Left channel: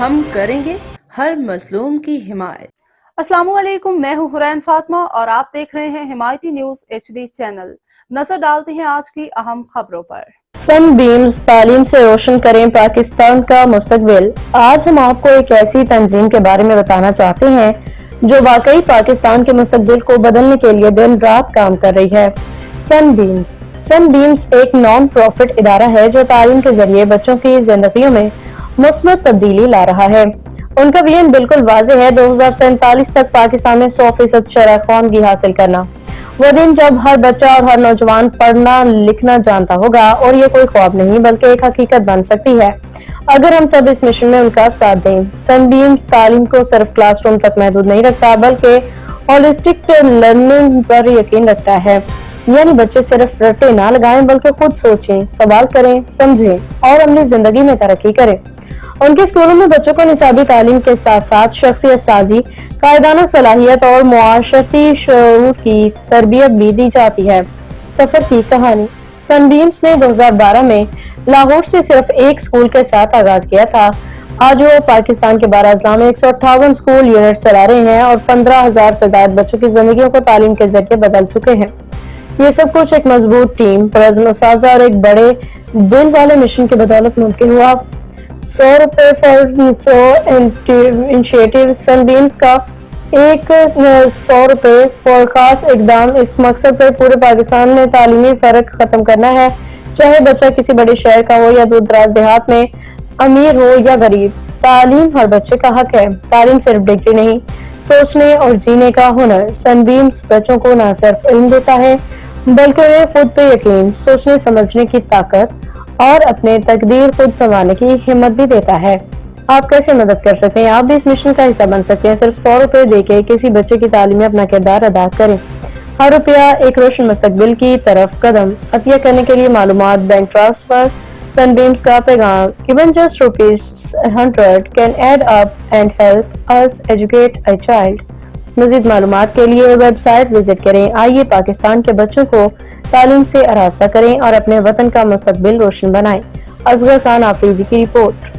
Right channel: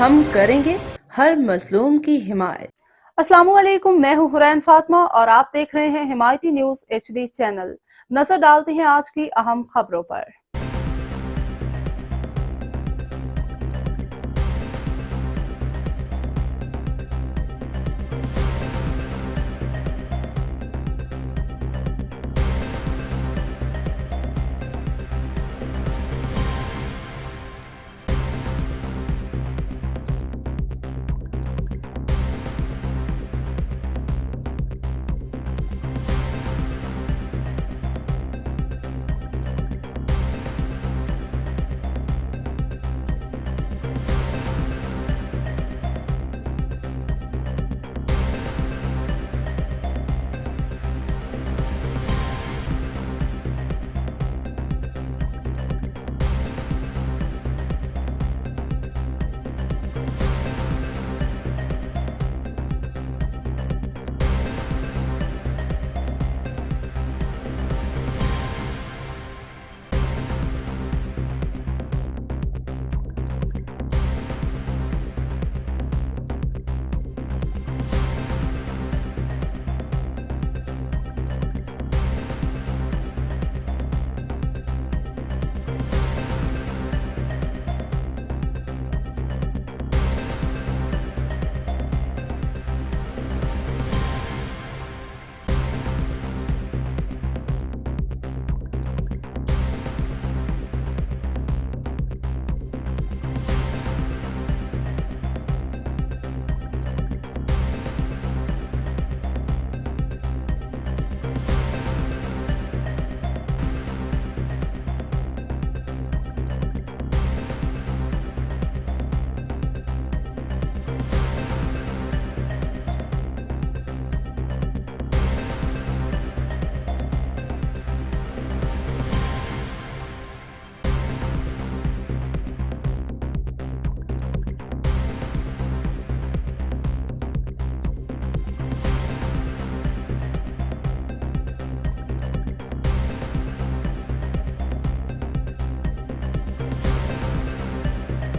ہم کریں گے ہر مظلوم کی حمایت۔ السلام علیکم، میں ہوں حرین فاطمہ اور آپ دیکھ رہے ہیں حمایتی نیوز HD چینل۔ نظر ڈالتے ہیں آج کی اہم خبروں پر۔ سن بیمز تعلیم سے روشن کریں پاکستان کا مستقبل۔ آج ہم آپ کو ایک ایسی تنظیم کے بارے میں بتانا چاہتے ہیں جو واقعی پاکستان کے مستقبل کو بدلنے کے لیے دن رات کام کر رہی ہے۔ سن بیمز ایک نان پروفٹ ادارہ ہے جو تعلیم کے ذریعے بچوں کی زندگیوں میں مثبت تبدیلی لا رہا ہے۔ ان کا ویژن بالکل واضح ہے، 2047 تک پاکستان میں 100% شرح خواندگی حاصل کرنا۔ وہ دن جب ہر بچہ اور ہر نوجوان پڑھنا لکھنا جانتا ہوگا، اور یہ کوئی خواب نہیں بلکہ ایک حقیقت بن سکتی ہے اگر ہم سب اس مشن میں ان کا ساتھ دیں۔ سن بیمز تعلیم کو صرف کلاس روم تک محدود نہیں رکھتا بلکہ ہولسٹک لرننگ پر یقین رکھتا ہے، یعنی بچے صرف رٹے نہ لگائیں بلکہ خود سوچیں، سوال کریں، سمجھیں اور اپنی زندگی میں ترقی کریں۔ ان کے اسکولوں میں بچوں کو نصابی تعلیم کے ساتھ ساتھ شخصیت سازی، قائدانہ صلاحیت اور معاشرتی شعور کی تربیت بھی دی جاتی ہے۔ سفر کی کہانی۔ سن بیمز نے 2012 میں لاہور سے صرف ایک اسکول کے ساتھ آغاز کیا تھا۔ آج وہ پاکستان کے 12 اضلاع میں 158 اسکول یونٹ چلا رہے ہیں اور 15,000 سے زائد بچوں کی زندگیوں کو تعلیم کے ذریعے بدل چکے ہیں۔ یہ سب کچھ ایک مضبوط ٹیم، پرعزم اساتذہ اور ایک بڑے دل والے مشن کی بدولت ممکن ہوا۔ 100 روپے فار 100 انیشیٹو۔ سن بیمز کا ایک 100 روپے فار خاص اقدام اس مقصد پر پورے پاکستان میں تعلیمی فرق ختم کرنا ہے، چاہے بچہ کسی بڑے شہر کا ہو یا دور دراز دیہات میں، امیر ہو یا غریب۔ تعلیم ہر بچے کا حق ہے۔ تعلیم صرف ڈگری نہیں، سوچنے اور جینے کا ہنر۔ سن بیمز بچوں کو نہ صرف علم دیتا ہے بلکہ انہیں خود پہ یقین، سوچنے سمجھنے کی طاقت اور اپنے تقدیر خود سنوارنے کی ہمت بھی دیتا ہے۔ آپ کیسے مدد کر سکتے ہیں؟ آپ بھی اس مشن کا حصہ بن سکتے ہیں۔ صرف 100 روپے دے کے کسی بچے کی تعلیم میں اپنا کردار ادا کریں۔ ہر روپیہ ایک روشن مستقبل کی طرف قدم۔ عطیہ کرنے کے لیے معلومات، بینک ٹرانسفر۔ سن بیمز کا پیغام: Even just ₹100 can add up and help us educate a child۔ مزید معلومات کے لیے ویب سائٹ وزٹ کریں۔ آئیے پاکستان کے بچوں کو تعلیم سے آراستہ کریں اور اپنے وطن کا مستقبل روشن بنائیں۔ اصغر خان آفریدی کی رپورٹ۔